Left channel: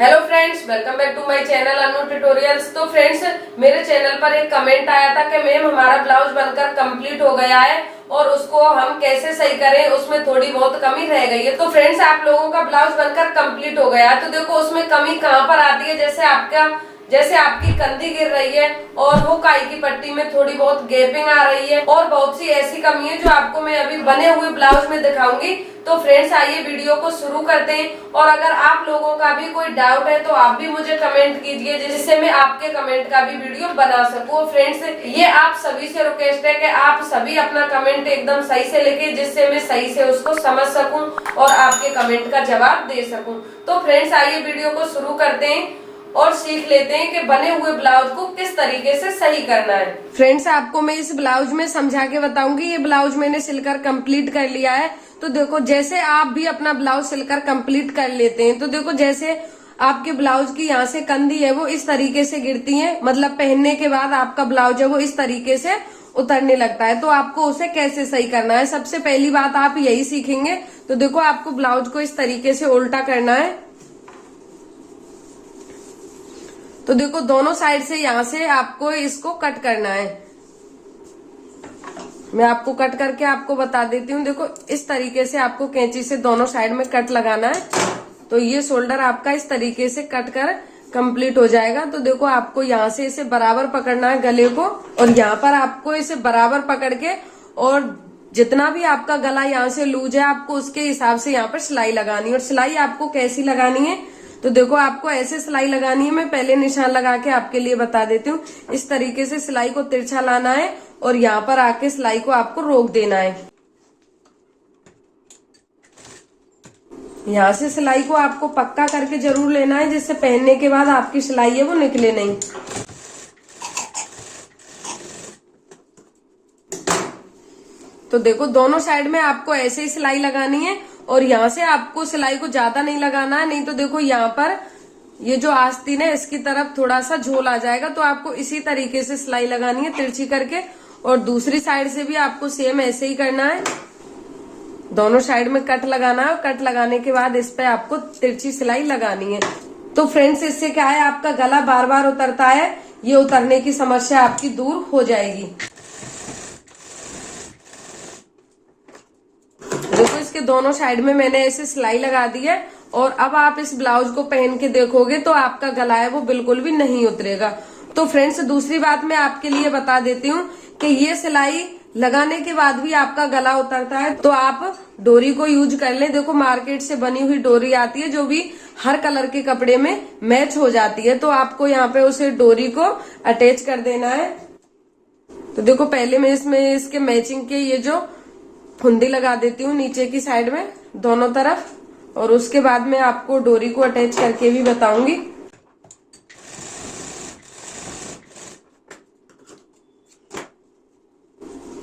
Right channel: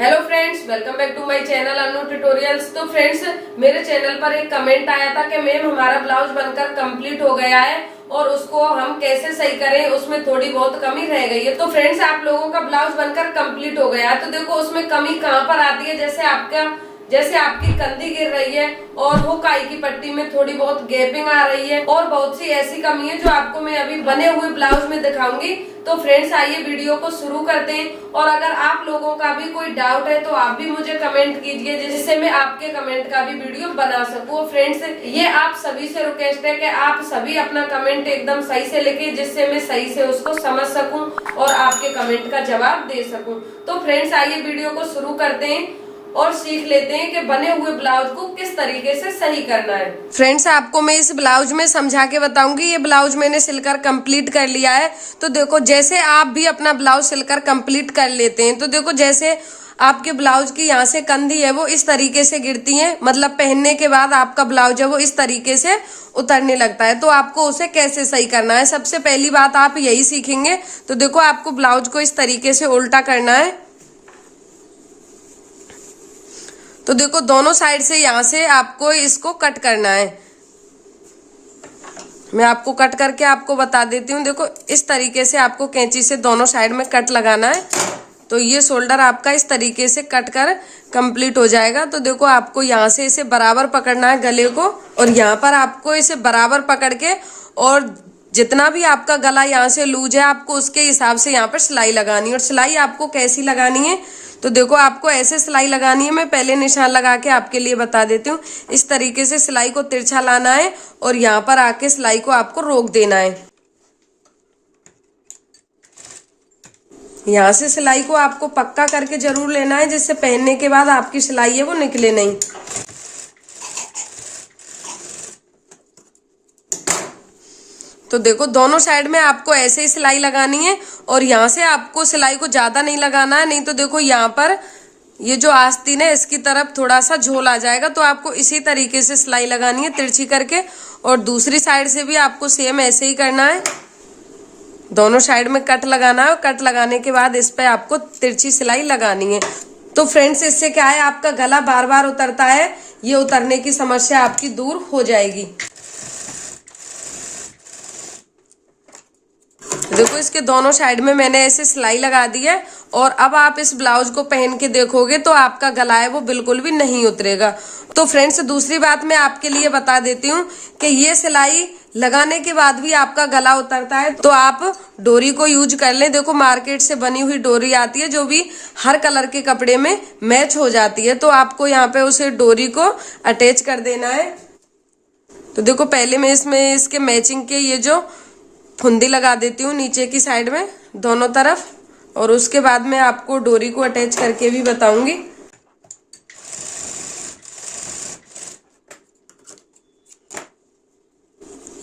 Hello friends, welcome back to my channel Anu tutorials. तो friends, मेरे channel पर एक कमेंट आया था कि मैम हमारा ब्लाउज बनकर कंप्लीट हो गया है और उसको हम कैसे सही करें, उसमें थोड़ी बहुत कमी रह गई है। तो फ्रेंड्स, आप लोगों का ब्लाउज बनकर कंप्लीट हो गया है तो देखो उसमें कमी कहाँ पर आती है। जैसे आपकी कंधी गिर रही है और वो काई की पट्टी में थोड़ी बहुत गैपिंग आ रही है और बहुत सी ऐसी कमी है जो आपको मैं अभी बने हुए ब्लाउज में दिखाऊंगी। तो फ्रेंड्स, आइए वीडियो को शुरू करते हैं। और अगर आप लोगों का भी कोई डाउट है तो आप भी मुझे कमेंट कीजिए, जिससे मैं आपके कमेंट का भी वीडियो बना सकूं। फ्रेंड्स, ये आप सभी से रिक्वेस्ट है कि आप सभी अपना कमेंट एकदम सही से लिखे, जिससे मैं सही से उसको समझ सकूं और आपके कमेंट का जवाब दे सकूं। तो फ्रेंड्स, आइए वीडियो को शुरू करते हैं और सीख लेते हैं कि बने हुए ब्लाउज को किस तरीके से सही करना है। फ्रेंड्स, आपको मैं इस ब्लाउज में समझा के बताऊंगी। ये ब्लाउज मैंने सिलकर कंप्लीट कर लिया है। तो देखो, जैसे आप भी अपना ब्लाउज सिलकर कंप्लीट कर लेते हैं तो देखो, जैसे आपके ब्लाउज की यहाँ से कंधी है वो इस तरीके से गिरती है, मतलब पहनने के बाद आपका ब्लाउज है वो इस तरीके से उतरने लगता है। तो आपको उसे कैसे सही करना है, सबसे पहली बात आप यही सीखेंगे। तो देखो, आपको ब्लाउज को इस तरीके से उल्टा करना है। तो देखो, दोनों साइड से यहाँ से आपको इसको कट करना है। मैं आपको कट करके आपको बता देती हूँ। देखो, इस तरीके से आपको कैंची से दोनों साइड में कट लगाना है। तो ये शोल्डर आपका इस तरीके से कट कर कंप्लीट हो जाएगा। तो देखो, आपको यहाँ से इसे बराबर पकड़ना है गले को, और यहाँ पर आपको इसे बराबर पकड़ के, और जितना भी आपका गला यहाँ से लूज है आपको उसके हिसाब से यहाँ पर सिलाई लगानी है। और सिलाई आपको कैसी लगानी है, तो देखो, आपको ऐसे सिलाई लगानी है। मैं पहले निशान लगा के आपके लिए बता देती हूँ। इस तरीके से सिलाई को तिरछा लाना है और यहाँ पर आके सिलाई को आपको रोक देना है। यहाँ से सिलाई को आपको पक्का करके जरूर लेना है, जिससे पहनने के बाद आपकी सिलाई है वो निकले नहीं। तो देखो, दोनों साइड में आपको ऐसे ही सिलाई लगानी है और यहाँ से आपको सिलाई को ज्यादा नहीं लगाना है, नहीं तो देखो यहाँ पर ये जो आस्तीन है इसकी तरफ थोड़ा सा झोल आ जाएगा। तो आपको इसी तरीके से सिलाई लगानी है तिरछी करके, और दूसरी साइड से भी आपको सेम ऐसे ही करना है। दोनों साइड में कट लगाना है और कट लगाने के बाद इस पे आपको तिरछी सिलाई लगानी है। तो फ्रेंड्स, इससे क्या है, आपका गला बार बार उतरता है, ये उतरने की समस्या आपकी दूर हो जाएगी। देखो, इसके दोनों साइड में मैंने ऐसे सिलाई लगा दी है और अब आप इस ब्लाउज को पहन के देखोगे तो आपका गला है वो बिल्कुल भी नहीं उतरेगा। तो फ्रेंड्स, दूसरी बात मैं आपके लिए बता देती हूँ कि ये सिलाई लगाने के बाद भी आपका गला उतरता है तो आप डोरी को यूज कर लें। देखो, मार्केट से बनी हुई डोरी आती है जो भी हर कलर के कपड़े में मैच हो जाती है। तो आपको यहाँ पे उसे डोरी को अटैच कर देना है। तो देखो, पहले मैं इसमें इसके मैचिंग के ये जो फुंदी लगा देती हूँ नीचे की साइड में दोनों तरफ, और उसके बाद मैं आपको डोरी को अटैच करके भी बताऊंगी।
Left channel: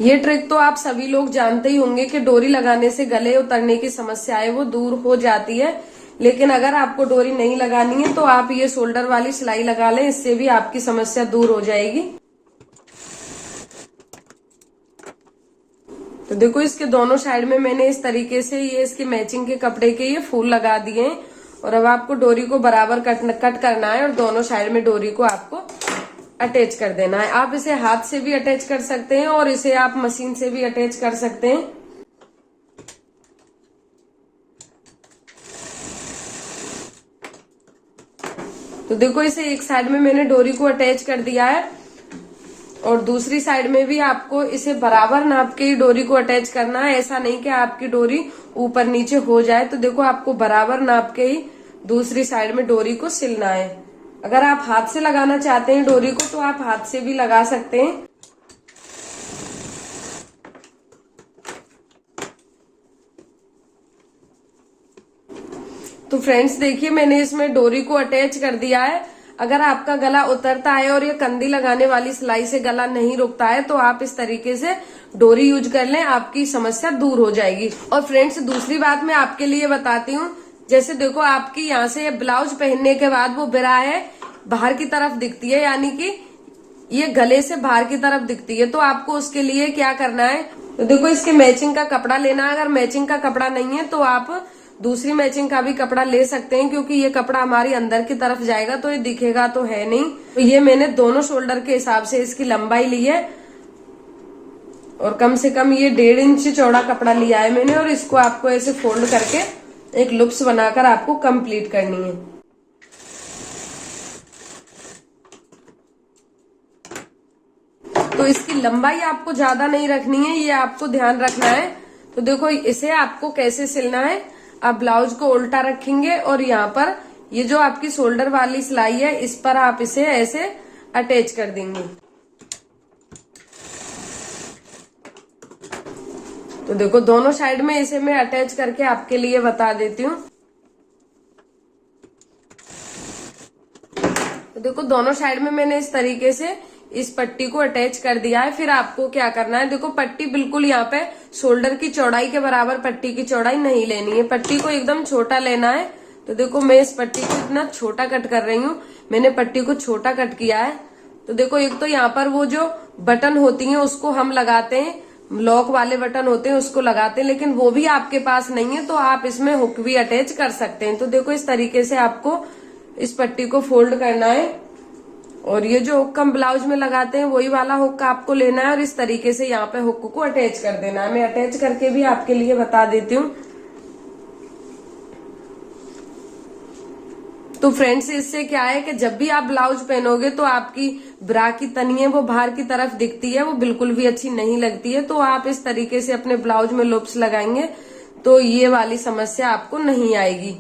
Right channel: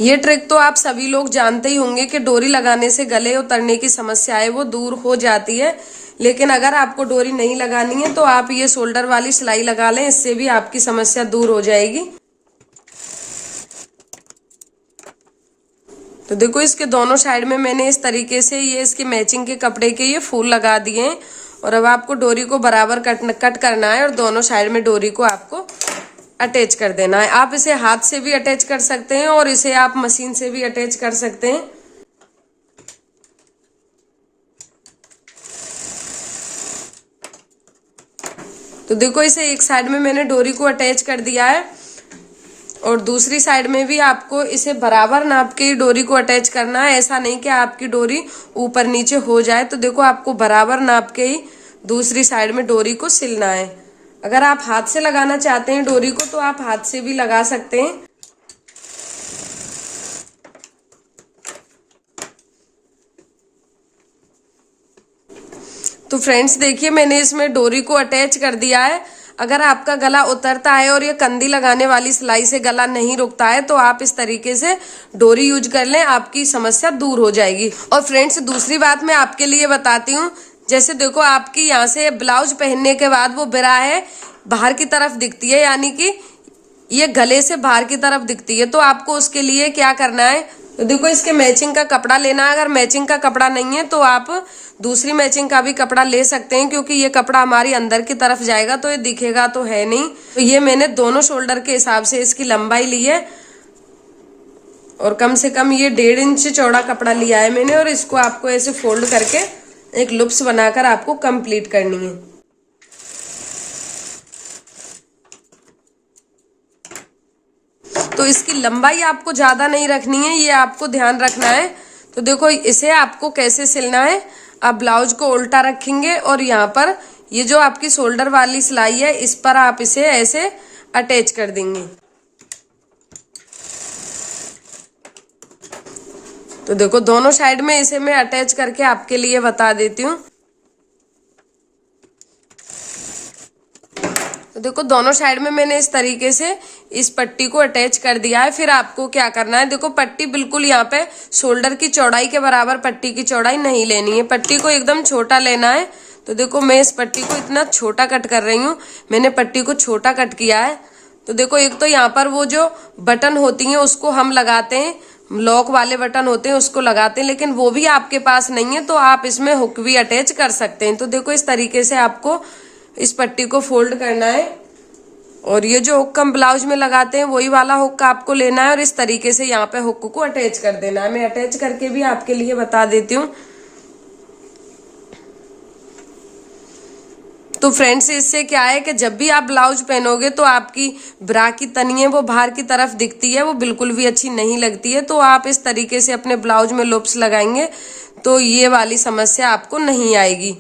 ये ट्रिक तो आप सभी लोग जानते ही होंगे कि डोरी लगाने से गले उतरने की समस्या है वो दूर हो जाती है। लेकिन अगर आपको डोरी नहीं लगानी है तो आप ये शोल्डर वाली सिलाई लगा लें, इससे भी आपकी समस्या दूर हो जाएगी। तो देखो, इसके दोनों साइड में मैंने इस तरीके से ये इसके मैचिंग के कपड़े के ये फूल लगा दिए हैं। और अब आपको डोरी को बराबर कट करना है और दोनों साइड में डोरी को आपको अटैच कर देना है। आप इसे हाथ से भी अटैच कर सकते हैं और इसे आप मशीन से भी अटैच कर सकते हैं। तो देखो, इसे एक साइड में मैंने डोरी को अटैच कर दिया है और दूसरी साइड में भी आपको इसे बराबर नाप के डोरी को अटैच करना है। ऐसा नहीं कि आपकी डोरी ऊपर नीचे हो जाए। तो देखो, आपको बराबर नाप के ही दूसरी साइड में डोरी को सिलना है। अगर आप हाथ से लगाना चाहते हैं डोरी को तो आप हाथ से भी लगा सकते हैं। तो फ्रेंड्स, देखिए, मैंने इसमें डोरी को अटैच कर दिया है। अगर आपका गला उतरता है और ये कंधी लगाने वाली सिलाई से गला नहीं रुकता है तो आप इस तरीके से डोरी यूज कर लें, आपकी समस्या दूर हो जाएगी। और फ्रेंड्स, दूसरी बात मैं आपके लिए बताती हूँ। जैसे देखो, आपकी यहाँ से ब्लाउज पहनने के बाद वो बिरा है बाहर की तरफ दिखती है, यानी कि ये गले से बाहर की तरफ दिखती है। तो आपको उसके लिए क्या करना है, तो देखो, इसके मैचिंग का कपड़ा लेना है। अगर मैचिंग का कपड़ा नहीं है तो आप दूसरी मैचिंग का भी कपड़ा ले सकते हैं, क्योंकि ये कपड़ा हमारी अंदर की तरफ जाएगा तो ये दिखेगा तो है नहीं। तो ये मैंने दोनों शोल्डर के हिसाब से इसकी लंबाई ली है और कम से कम ये 1.5 इंच चौड़ा कपड़ा लिया है मैंने, और इसको आपको ऐसे फोल्ड करके एक लूप्स बनाकर आपको कंप्लीट करनी है। तो इसकी लंबाई आपको ज्यादा नहीं रखनी है, ये आपको ध्यान रखना है। तो देखो इसे आपको कैसे सिलना है, आप ब्लाउज को उल्टा रखेंगे और यहाँ पर ये जो आपकी शोल्डर वाली सिलाई है इस पर आप इसे ऐसे अटैच कर देंगे। तो देखो दोनों साइड में इसे मैं अटैच करके आपके लिए बता देती हूँ। तो देखो दोनों साइड में मैंने इस तरीके से इस पट्टी को अटैच कर दिया है। फिर आपको क्या करना है, देखो पट्टी बिल्कुल यहाँ पे शोल्डर की चौड़ाई के बराबर पट्टी की चौड़ाई नहीं लेनी है, पट्टी को एकदम छोटा लेना है। तो देखो मैं इस पट्टी को इतना छोटा कट कर रही हूँ, मैंने पट्टी को छोटा कट किया है। तो देखो एक तो यहाँ पर वो जो बटन होती है उसको हम लगाते हैं, लॉक वाले बटन होते हैं उसको लगाते हैं, लेकिन वो भी आपके पास नहीं है तो आप इसमें हुक भी अटैच कर सकते हैं। तो देखो इस तरीके से आपको इस पट्टी को फोल्ड करना है और ये जो हुक हम ब्लाउज में लगाते हैं वही वाला हुक आपको लेना है और इस तरीके से यहाँ पे हुक को अटैच कर देना है। मैं अटैच करके भी आपके लिए बता देती हूँ। तो फ्रेंड्स इससे क्या है कि जब भी आप ब्लाउज पहनोगे तो आपकी ब्रा की तनी है वो बाहर की तरफ दिखती है, वो बिल्कुल भी अच्छी नहीं लगती है। तो आप इस तरीके से अपने ब्लाउज में लूप्स लगाएंगे तो ये वाली समस्या आपको नहीं आएगी।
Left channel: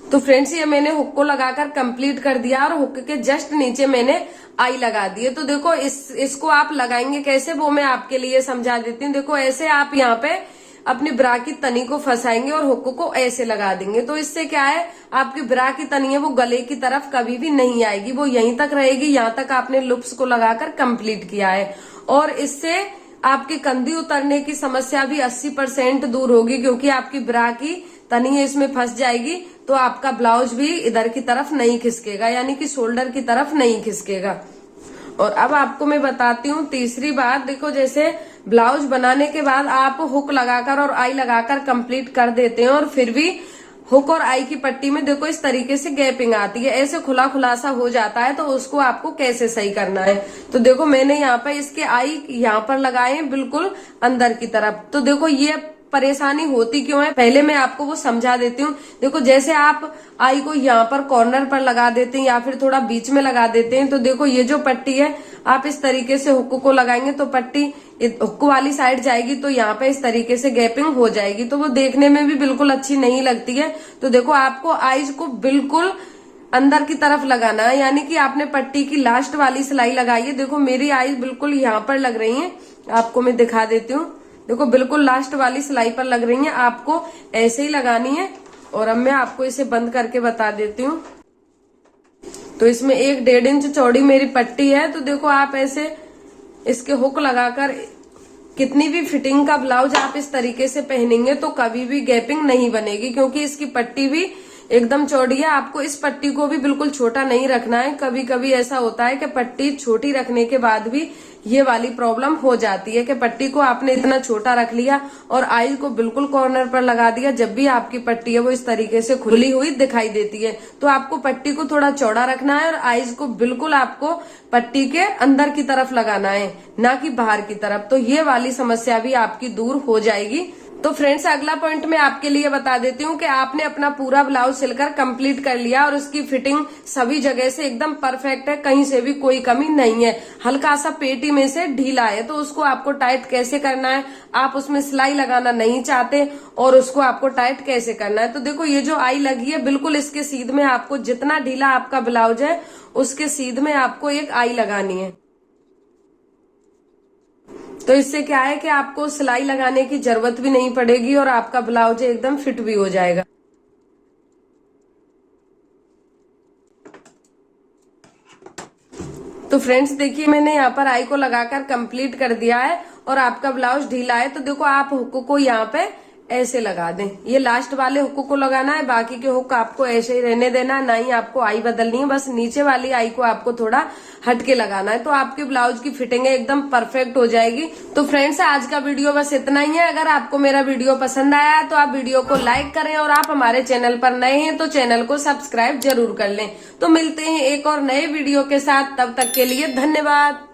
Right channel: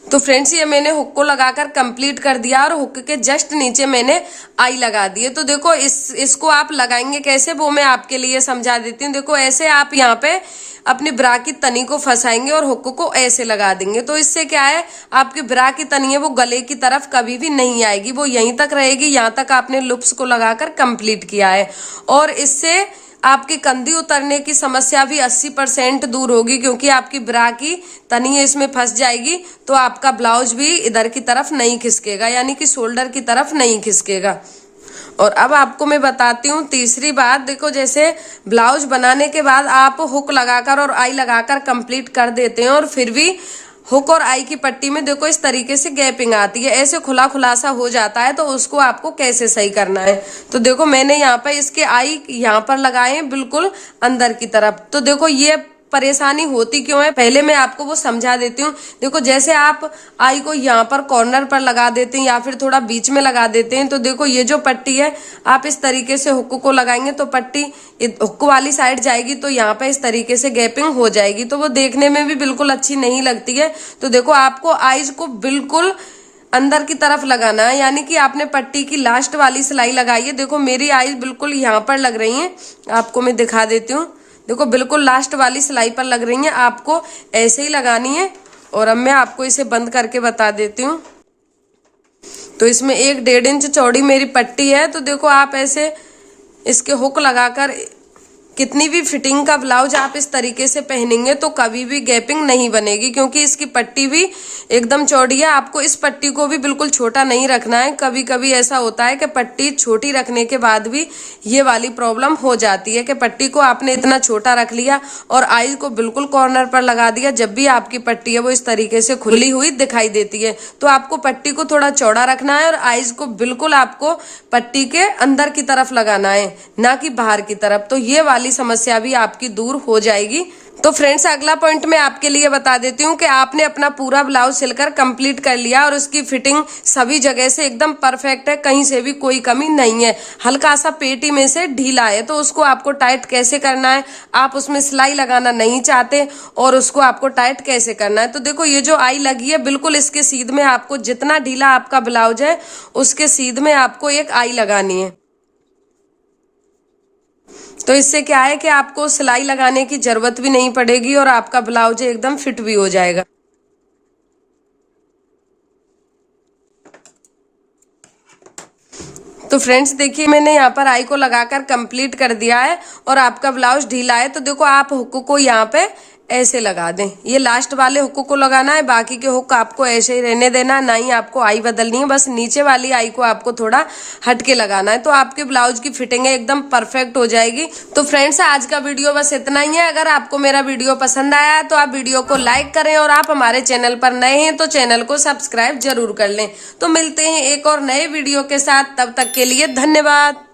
तो फ्रेंड्स ये मैंने हुक को लगाकर कंप्लीट कर दिया और हुक के जस्ट नीचे मैंने आई लगा दी है। तो देखो इसको आप लगाएंगे कैसे वो मैं आपके लिए समझा देती हूँ। देखो ऐसे आप यहाँ पे अपनी ब्रा की तनी को फंसाएंगे और हुक को ऐसे लगा देंगे। तो इससे क्या है, आपकी ब्रा की तनी है वो गले की तरफ कभी भी नहीं आएगी, वो यहीं तक रहेगी। यहाँ तक आपने लूप्स को लगाकर कंप्लीट किया है और इससे आपकी कंधी उतरने की समस्या भी 80% दूर होगी, क्योंकि आपकी ब्रा की तनी इसमें फंस जाएगी तो आपका ब्लाउज भी इधर की तरफ नहीं खिसकेगा, यानी कि शोल्डर की तरफ नहीं खिसकेगा। और अब आपको मैं बताती हूँ तीसरी बात। देखो जैसे ब्लाउज बनाने के बाद आप हुक लगाकर और आई लगाकर कंप्लीट कर देते हैं और फिर भी हुक और आई की पट्टी में देखो इस तरीके से गैपिंग आती है, ऐसे खुला खुलासा हो जाता है। तो उसको आपको कैसे सही करना है, तो देखो मैंने यहाँ पर इसके आई यहाँ पर लगाए हैं बिल्कुल अंदर की तरफ। तो देखो ये परेशानी होती क्यों है, पहले मैं आपको वो समझा देती हूँ। देखो जैसे आप आई को यहाँ पर कॉर्नर पर लगा देते हैं या फिर थोड़ा बीच में लगा देते हैं, तो देखो ये जो पट्टी है आप इस तरीके से हुक को लगाएंगे तो पट्टी हुक वाली साइड जाएगी, तो यहाँ पे इस तरीके से गैपिंग हो जाएगी, तो वो देखने में भी बिल्कुल अच्छी नहीं लगती है। तो देखो आपको आईज को बिल्कुल अंदर की तरफ लगाना है, यानी कि आपने पट्टी की लास्ट वाली सिलाई लगाई है। देखो मेरी आईज बिल्कुल यहाँ पर लग रही है, आपको मैं दिखा देती हूँ। देखो बिल्कुल लास्ट वाली सिलाई पर लग रही है, आपको ऐसे ही लगानी है। और अब मैं आपको इसे बंद करके बता देती हूँ। तो इसमें 1.5 इंच चौड़ी मेरी पट्टी है। तो देखो आप ऐसे इसके हुक लगाकर कितनी भी फिटिंग का ब्लाउज आप इस तरीके से पहनेंगे तो कभी भी गैपिंग नहीं बनेगी, क्योंकि इसकी पट्टी भी एकदम चौड़ी है। आपको इस पट्टी को भी बिल्कुल छोटा नहीं रखना है। कभी कभी ऐसा होता है कि पट्टी छोटी रखने के बाद भी ये वाली प्रॉब्लम हो जाती है कि पट्टी को आपने इतना छोटा रख लिया और आईज को बिल्कुल कॉर्नर पर लगा दिया, जब भी आपकी पट्टी है वो इस तरीके से खुली हुई दिखाई देती है। तो आपको पट्टी को थोड़ा चौड़ा रखना है और आईज को बिल्कुल आपको पट्टी के अंदर की तरफ लगाना है, ना कि बाहर की तरफ। तो ये वाली समस्या भी आपकी दूर हो जाएगी। तो फ्रेंड्स अगला पॉइंट मैं आपके लिए बता देती हूँ कि आपने अपना पूरा ब्लाउज सिलकर कंप्लीट कर लिया और उसकी फिटिंग सभी जगह से एकदम परफेक्ट है, कहीं से भी कोई कमी नहीं है। हल्का सा पेटी में से ढीला है, तो उसको आपको टाइट कैसे करना है, आप उसमें सिलाई लगाना नहीं चाहते और उसको आपको टाइट कैसे करना है। तो देखो ये जो आई लगी है बिल्कुल इसके सीध में आपको जितना ढीला आपका ब्लाउज है उसके सीध में आपको एक आई लगानी है। तो इससे क्या है कि आपको सिलाई लगाने की जरूरत भी नहीं पड़ेगी और आपका ब्लाउज एकदम फिट भी हो जाएगा। तो फ्रेंड्स देखिए मैंने यहाँ पर आई को लगाकर कंप्लीट कर दिया है और आपका ब्लाउज ढीला है। तो देखो आप हुक को यहाँ पे ऐसे लगा दें। ये लास्ट वाले हुक को लगाना है, बाकी के हुक आपको ऐसे ही रहने देना है, ना ही आपको आई बदलनी है। बस नीचे वाली आई को आपको थोड़ा हटके लगाना है, तो आपके ब्लाउज की फिटिंग एकदम परफेक्ट हो जाएगी। तो फ्रेंड्स आज का वीडियो बस इतना ही है। अगर आपको मेरा वीडियो पसंद आया है तो आप वीडियो को लाइक करें, और आप हमारे चैनल पर नए हैं तो चैनल को सब्सक्राइब जरूर कर लें। तो मिलते हैं एक और नए वीडियो के साथ, तब तक के लिए धन्यवाद।